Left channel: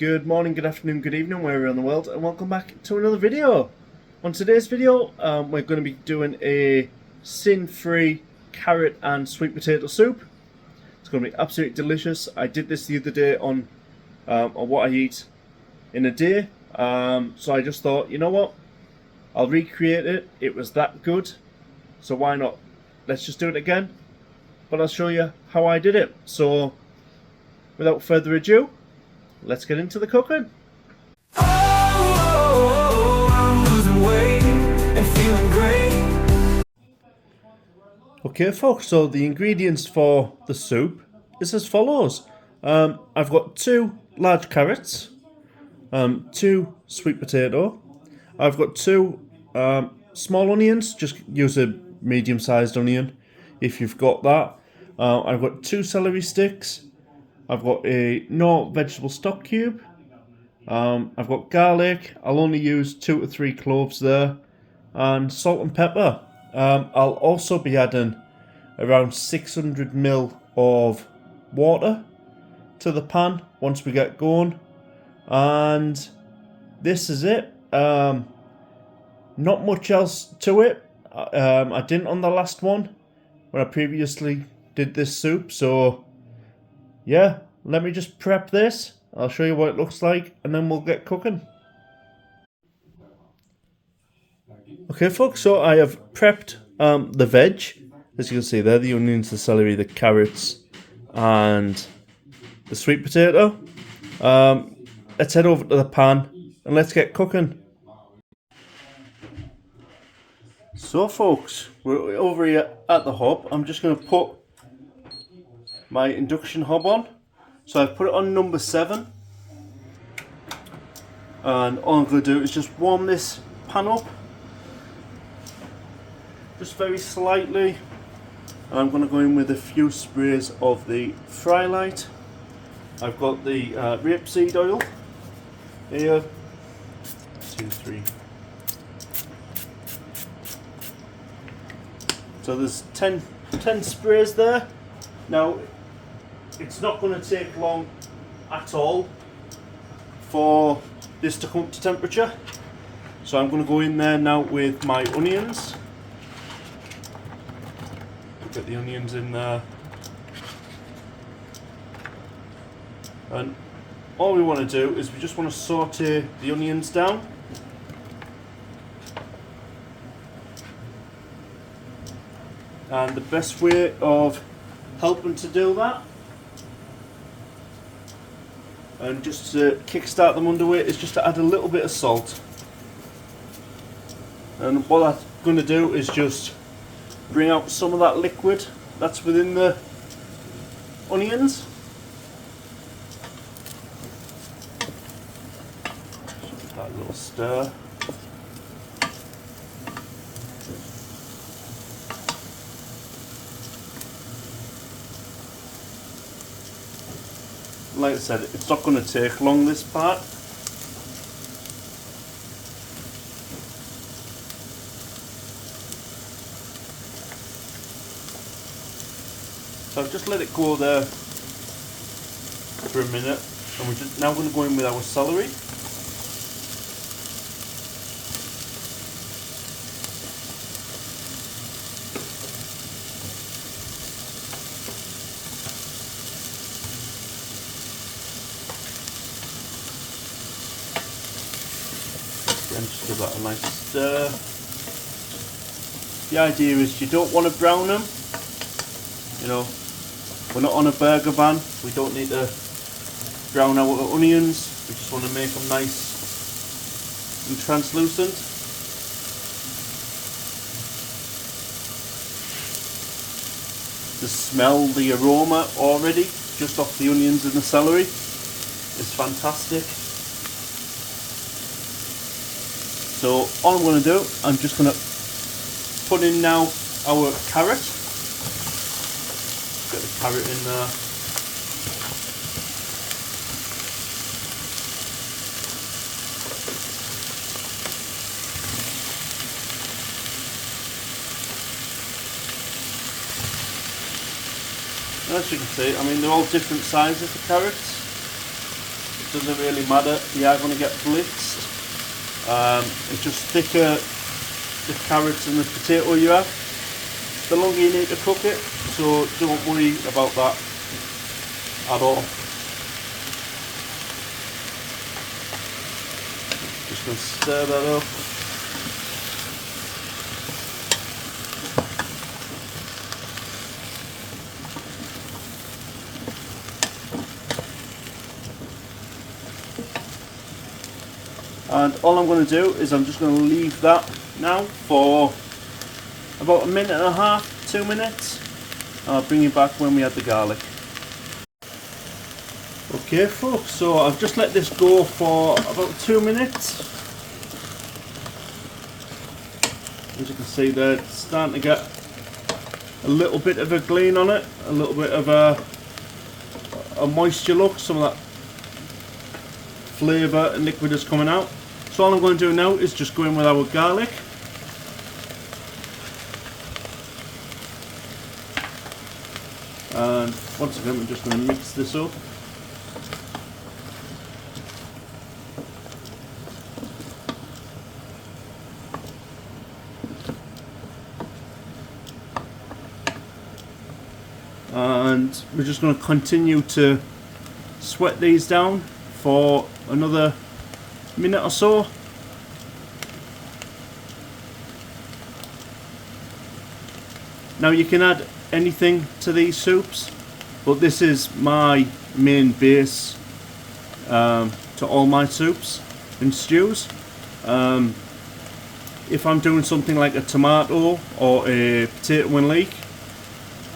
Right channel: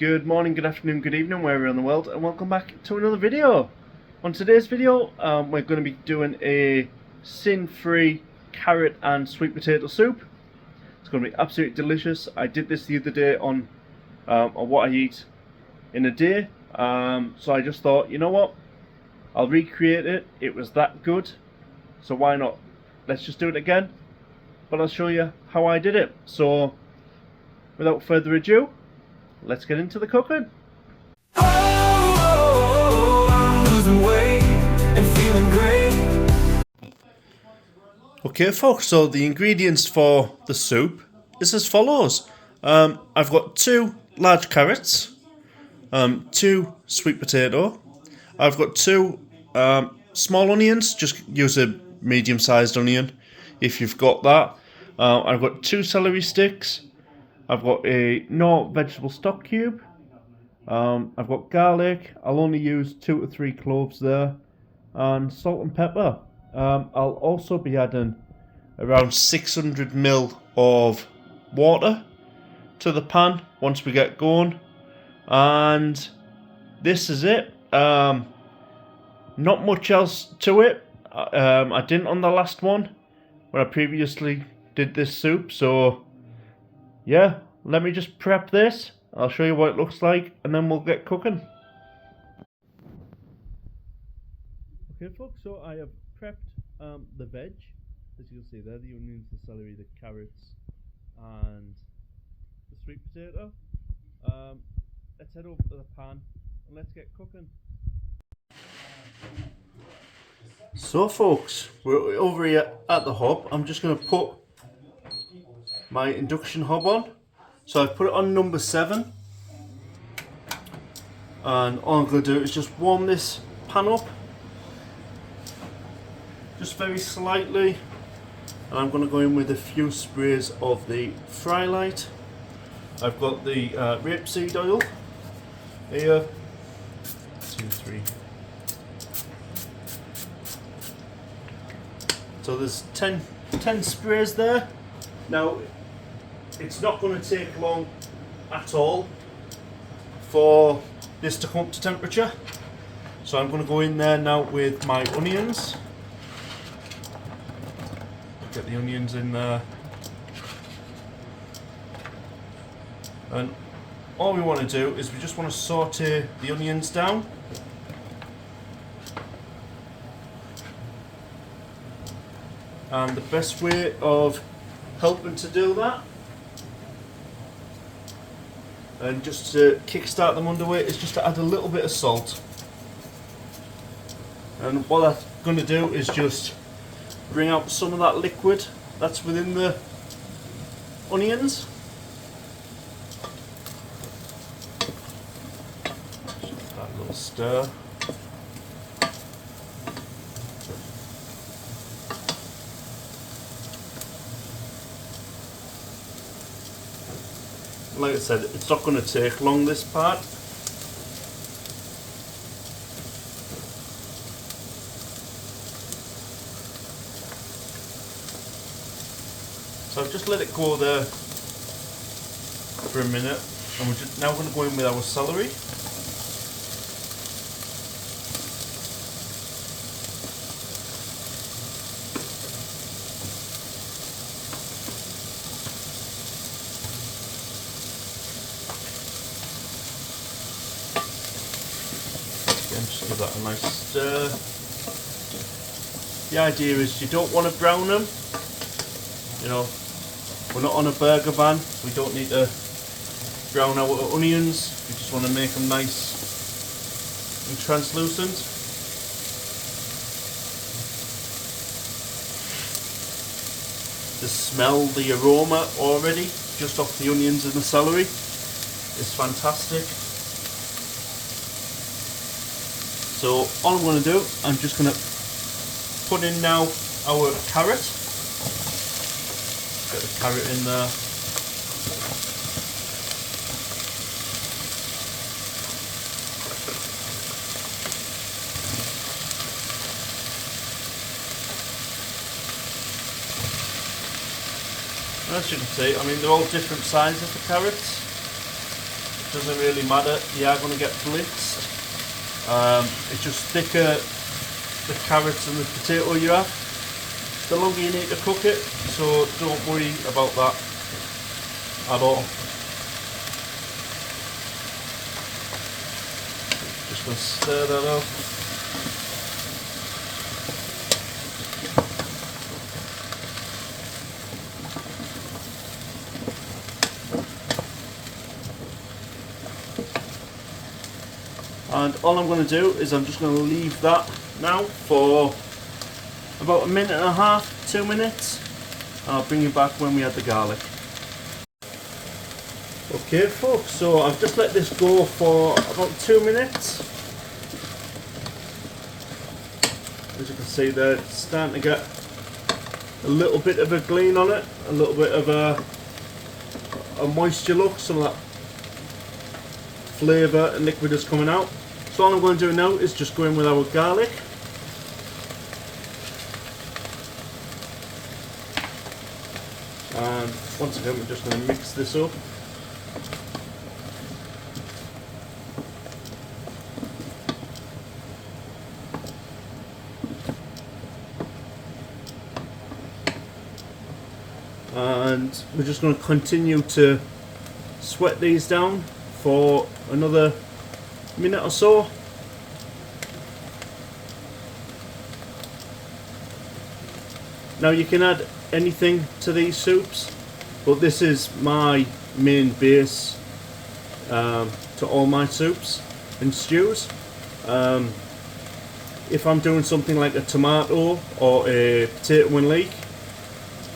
Good morning, good afternoon, good evening, wherever you're in the world, and welcome back to another video. On today's video, we're going to be doing a sin-free carrot and sweet potato soup. It's going to be absolutely delicious. I did this the other day on what I eat in a day, so I just thought, you know what, I'll recreate it. It was that good, so why not? Let's just do it again, but I'll show you how I did it. So, without further ado, let's get into the cooking. Oh, I'm losing weight and feeling great. Okay folks, so the ingredients for the soup is as follows. I've got 2 large carrots, 2 sweet potato, I've got 2 small onions, just use a medium-sized onion if you've got that. I've got 2 celery sticks, I've got a Knorr vegetable stock cube, I've got garlic, I'll only use 2 to 3 cloves there, and salt and pepper. I'll also be adding around 600 ml of water to the pan once we get going, and this is it. Not much else to it. I didn't on the last one when I previously did this soup, so yeah, let me just prep this. I'll show you what it looks like and then we'll get cooking. Okay folks, so I have prepped the veg. As you can see there, the onions, the celery, the carrots and the sweet potato. Let's head over to the pan and let's get cooking. So folks, we're over here at the hob. I'm just going to put my induction hob on. So I've put it on number 7. And all I'm going to do is just warm this pan up. Just very slightly. And I'm going to go in with a few sprays of the Frylight. I've got the rapeseed oil here. 2, 3. So there's 10 sprays there. Now, it's not going to take long at all for this to come up to temperature. So I'm going to go in there now with my onions. Get the onions in there. And all we want to do is we just want to saute the onions down. And the best way of helping to do that, and just to kickstart them underway, is just to add a little bit of salt. And what I'm going to do is just bring out some of that liquid that's within the onions. Just give that a little stir. Like I said, it's not going to take long, this part. So I've just let it go there for a minute, and we're just now going to go in with our celery. Again, just give that a nice stir. The idea is you don't want to brown them. You know, we're not on a burger van. We don't need to brown our onions. We just want to make them nice and translucent. The smell, the aroma already, just off the onions and the celery, is fantastic. So all I'm going to do, I'm just going to put in now our carrot. Get the carrot in there. And as you can see, I mean, they're all different sizes, the carrots. doesn't really matter. You are going to get blitzed. It's just thicker the carrots and the potato you have, the longer you need to cook it, so don't worry about that at all. Just going to stir that up. And all I'm going to do is I'm just going to leave that now for about 1.5 minutes, 2 minutes. And I'll bring you back when we add the garlic. Okay folks, so I've just let this go for about 2 minutes. As you can see there, it's starting to get a little bit of a gleam on it, a little bit of a moisture look, some of that flavour and liquid is coming out. So all I'm going to do now is just go in with our garlic. And once again we're just going to mix this up. And we're just going to continue to sweat these down for another minute or so. Now you can add anything to these soups, but this is my main base to all my soups and stews. If I'm doing something like a tomato or a potato and leek,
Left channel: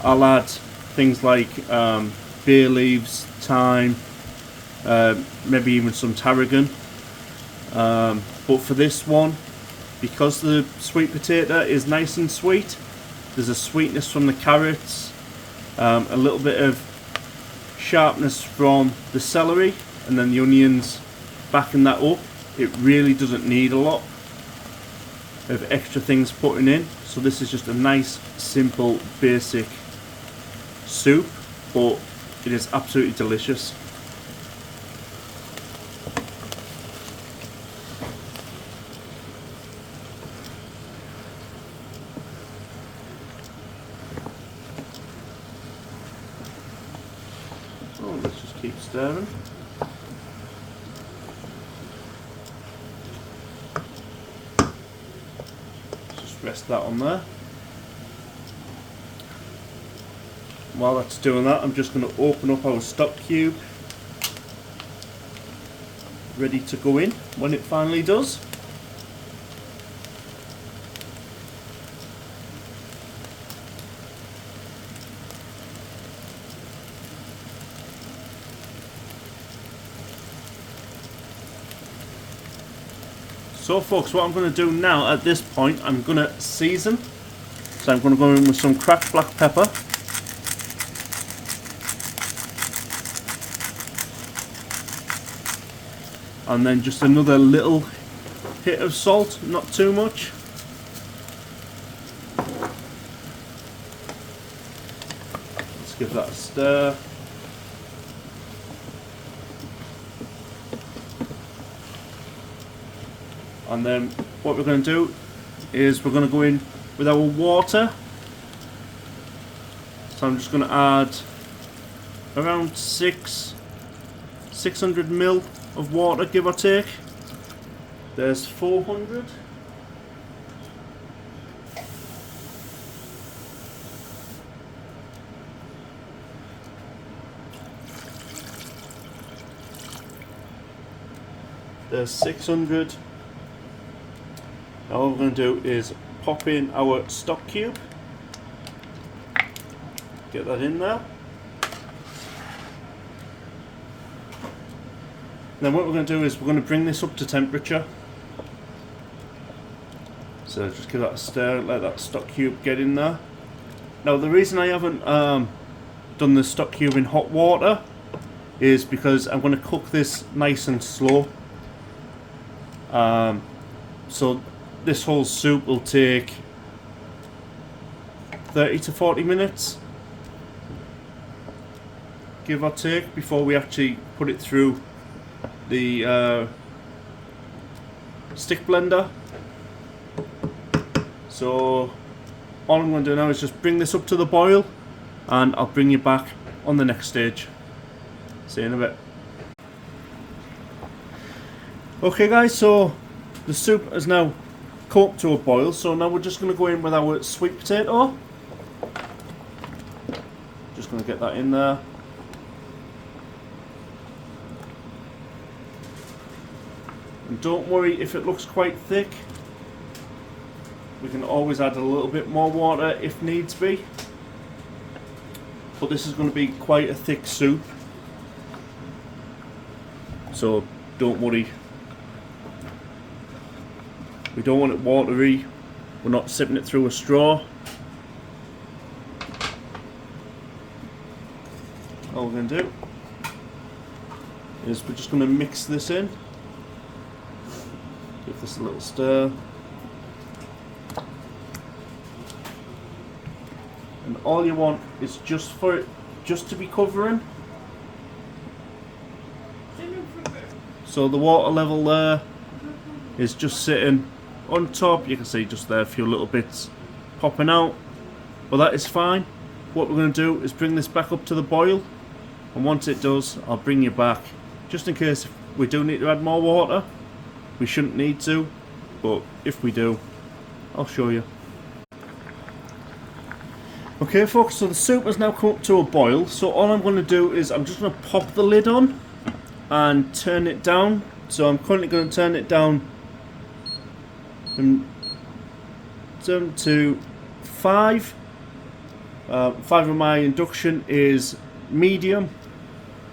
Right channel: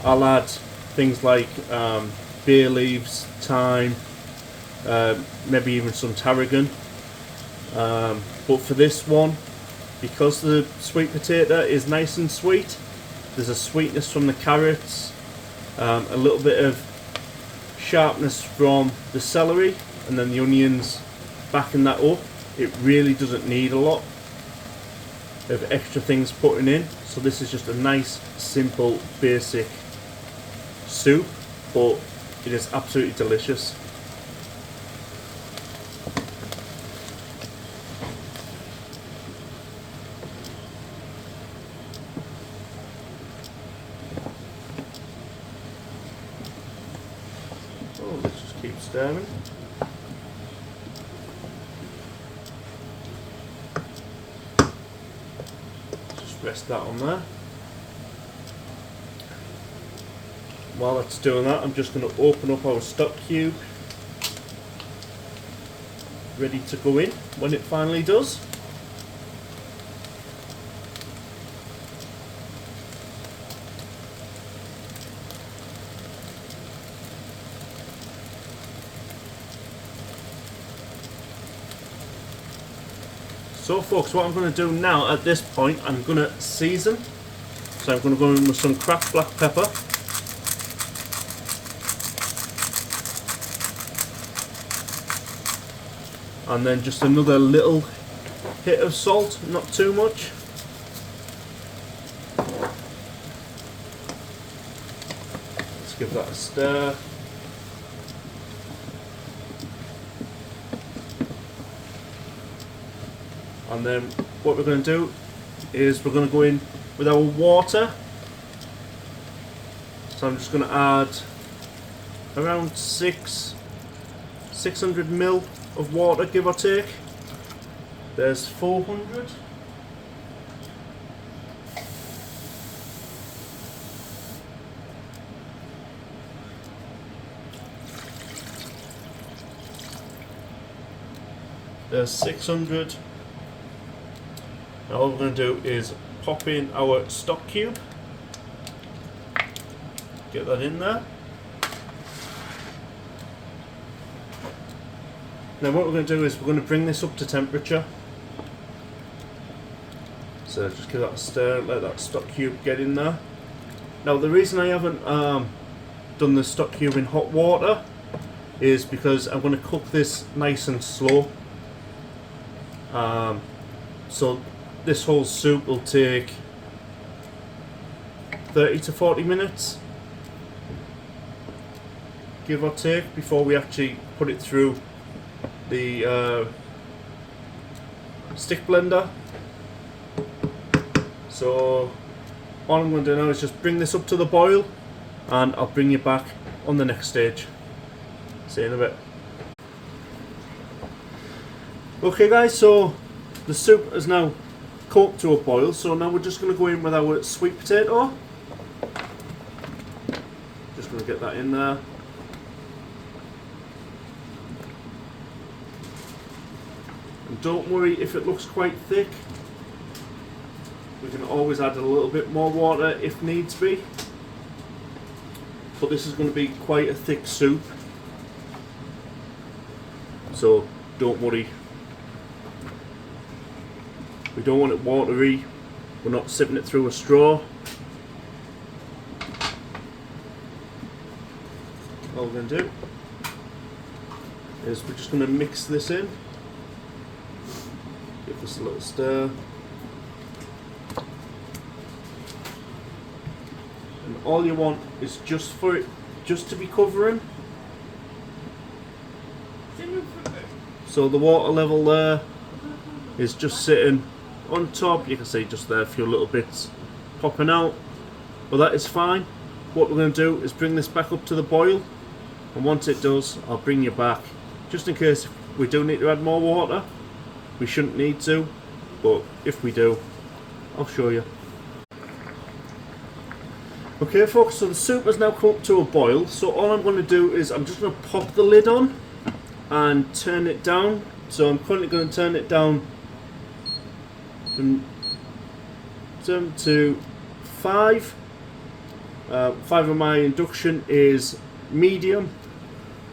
I'll add things like bay leaves, thyme, maybe even some tarragon. But for this one, because the sweet potato is nice and sweet, there's a sweetness from the carrots, a little bit of sharpness from the celery, and then the onions backing that up. It really doesn't need a lot of extra things putting in, so this is just a nice, simple, basic soup, but it is absolutely delicious. Oh, let's just keep stirring. Just rest that on there. While that's doing that, I'm just going to open up our stock cube, ready to go in when it finally does. So folks, what I'm going to do now at this point, I'm going to season. So I'm going to go in with some cracked black pepper. And then just another little hit of salt, not too much. Let's give that a stir. And then what we're going to do is we're going to go in with our water. So I'm just going to add around 600 ml of water, give or take. There's 400. There's 600. Now all we're going to do is pop in our stock cube. Get that in there. Then what we're going to do is we're going to bring this up to temperature. So just give that a stir, let that stock cube get in there. Now the reason I haven't done the stock cube in hot water is because I'm going to cook this nice and slow. So this whole soup will take 30 to 40 minutes, give or take, before we actually put it through the stick blender. So all I'm going to do now is just bring this up to the boil, and I'll bring you back on the next stage. See you in a bit. Okay guys, so the soup has now cooked to a boil, so now we're just going to go in with our sweet potato. Just going to get that in there. And don't worry if it looks quite thick. We can always add a little bit more water if needs be. But this is going to be quite a thick soup, so don't worry. We don't want it watery. We're not sipping it through a straw. All we're going to do is we're just going to mix this in. Give this a little stir. And all you want is just for it just to be covering. So the water level there is just sitting on top. You can see just there a few little bits popping out, but that is fine. What we're going to do is bring this back up to the boil, and once it does, I'll bring you back, just in case we do need to add more water. We shouldn't need to, but if we do, I'll show you. Okay folks, so the soup has now come up to a boil, so all I'm going to do is I'm just going to pop the lid on and turn it down. So I'm currently going to turn it down to 5. 5 of my induction is medium,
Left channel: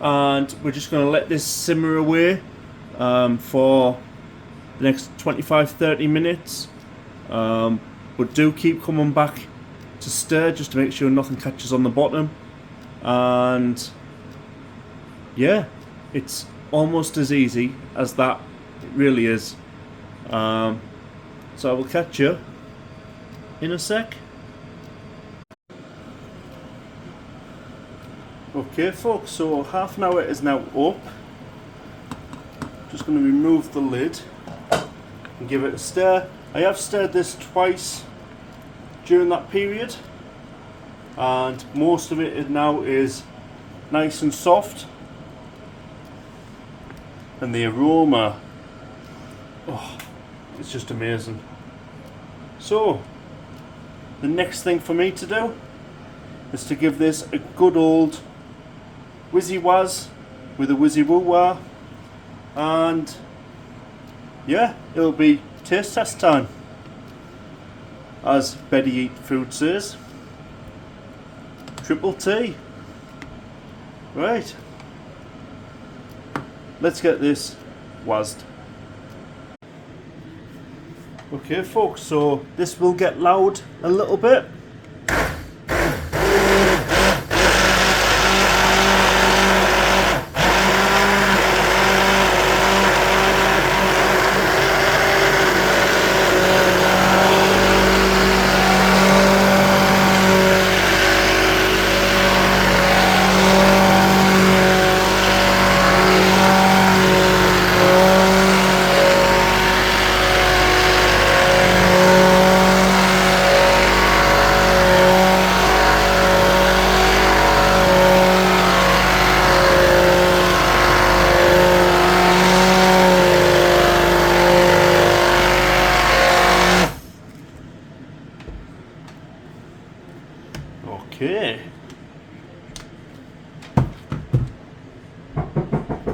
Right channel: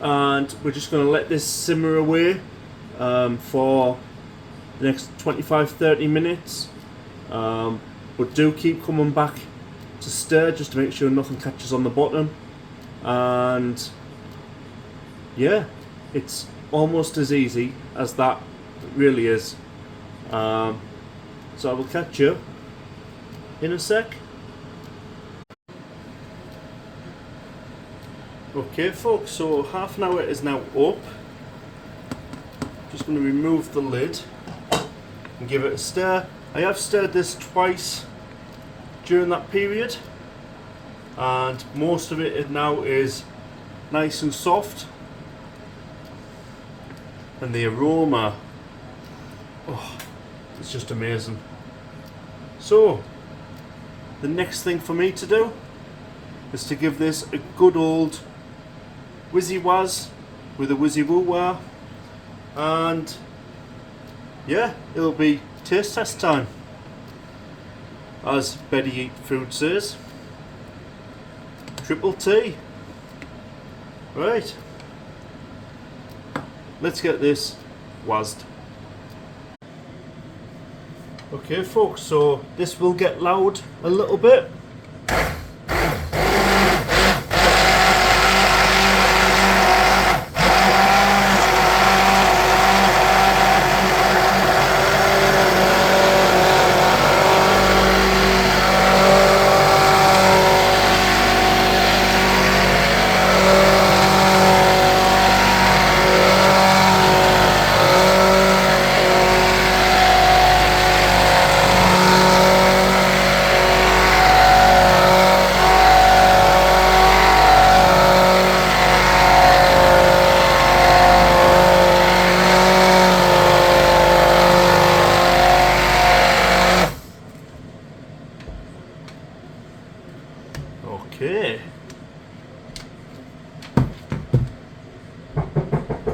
and we're just going to let this simmer away for the next 25-30 minutes. But do keep coming back to stir just to make sure nothing catches on the bottom. And yeah, it's almost as easy as that. It really is. So I will catch you in a sec. Okay folks, so half an hour is now up. Just going to remove the lid and give it a stir. I have stirred this twice during that period, and most of it now is nice and soft, and the aroma, oh, it's just amazing. So the next thing for me to do is to give this a good old whizzy waz with a whizzy woo wah, and yeah, it'll be taste test time, as Betty Eat Food says. Triple T. Right, let's get this wazzed. Okay folks, so this will get loud a little bit. Okay.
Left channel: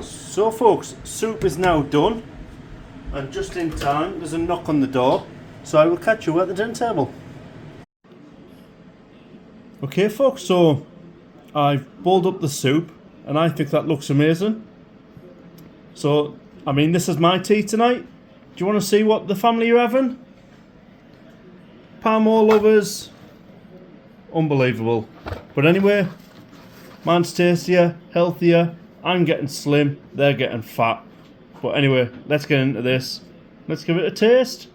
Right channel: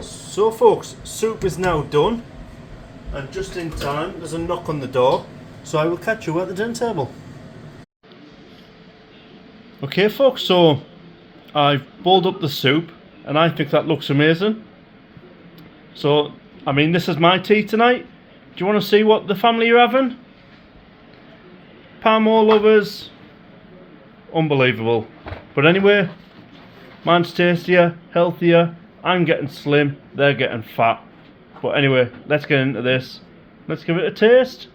So folks, soup is now done, and just in time there's a knock on the door, so I will catch you at the dinner table. Okay folks, so I've boiled up the soup and I think that looks amazing. So, I mean, this is my tea tonight. Do you want to see what the family are having? Palm oil lovers. Unbelievable. But anyway, mine's tastier, healthier. I'm getting slim, they're getting fat. But anyway, let's get into this. Let's give it a taste.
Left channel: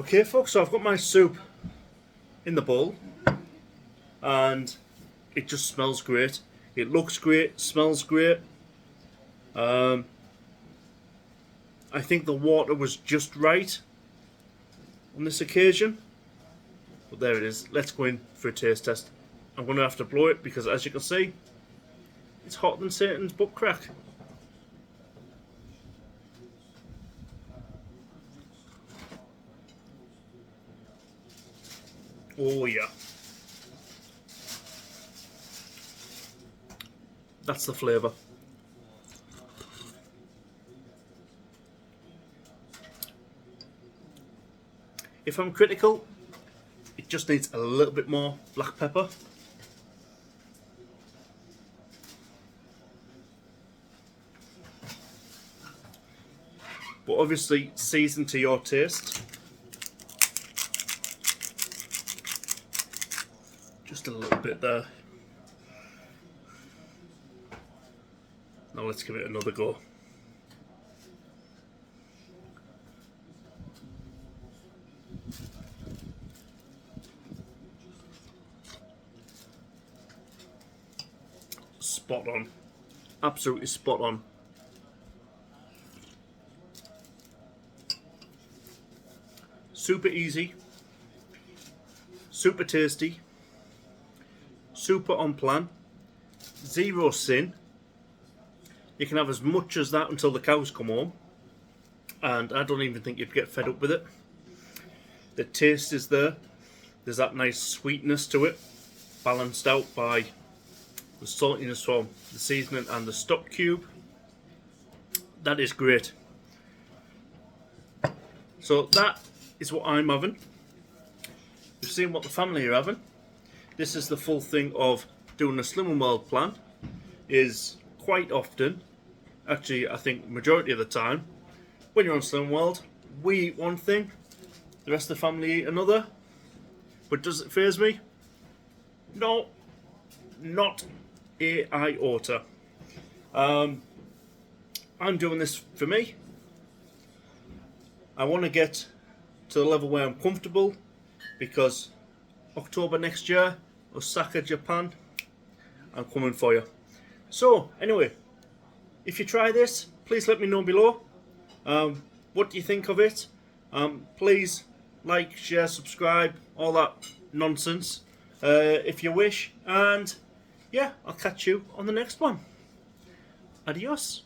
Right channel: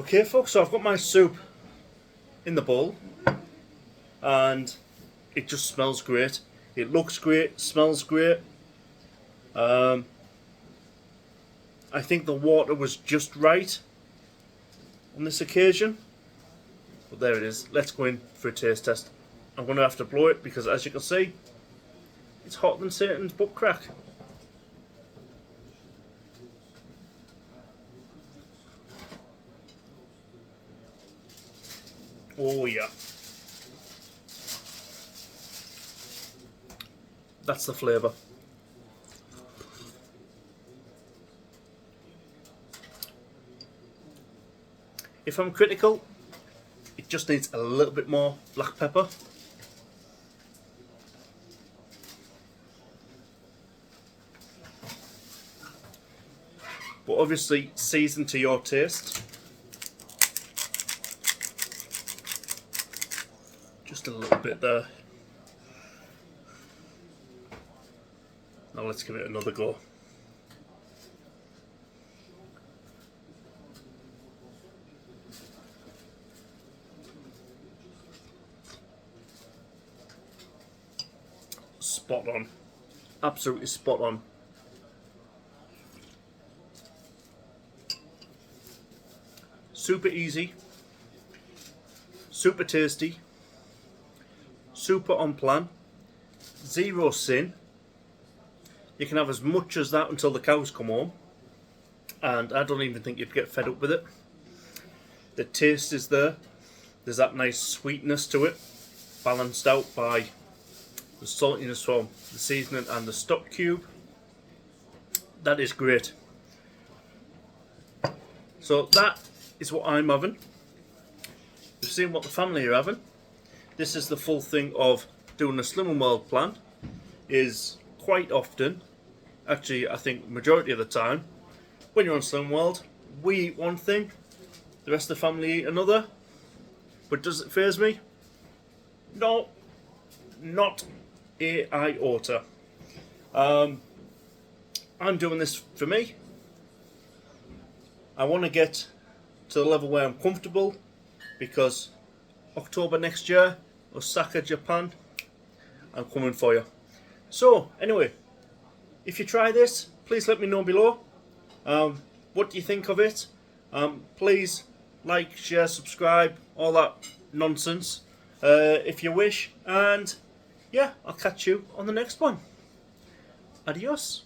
Okay folks, so I've got my soup in the bowl, and it just smells great. It looks great, smells great. I think the water was just right on this occasion. But there it is. Let's go in for a taste test. I'm going to have to blow it because, as you can see, it's hotter than Satan's butt crack. Oh yeah. That's the flavour. If I'm critical, it just needs a little bit more black pepper. But obviously season to your taste. Just a little bit there. Now let's give it another go. Spot on. Absolutely spot on. Super easy. Super tasty. Super on plan. Zero sin. You can have as much as that until the cows come home. And I don't even think you'd get fed up with it. The taste is there. There's that nice sweetness to it. Balanced out by the saltiness from the seasoning and the stock cube. That is great. So that is what I'm having. You've seen what the family are having. This is the full thing of doing a Slimming World plan. Is quite often, actually I think majority of the time, when you're on Slimming World, we eat one thing, the rest of the family eat another. But does it faze me? No, not a iota. I'm doing this for me. I want to get to the level where I'm comfortable, because October next year, Osaka, Japan, I'm coming for you. So anyway, if you try this, please let me know below. What do you think of it? Please like, share, subscribe, all that nonsense, if you wish. And yeah, I'll catch you on the next one. Adios.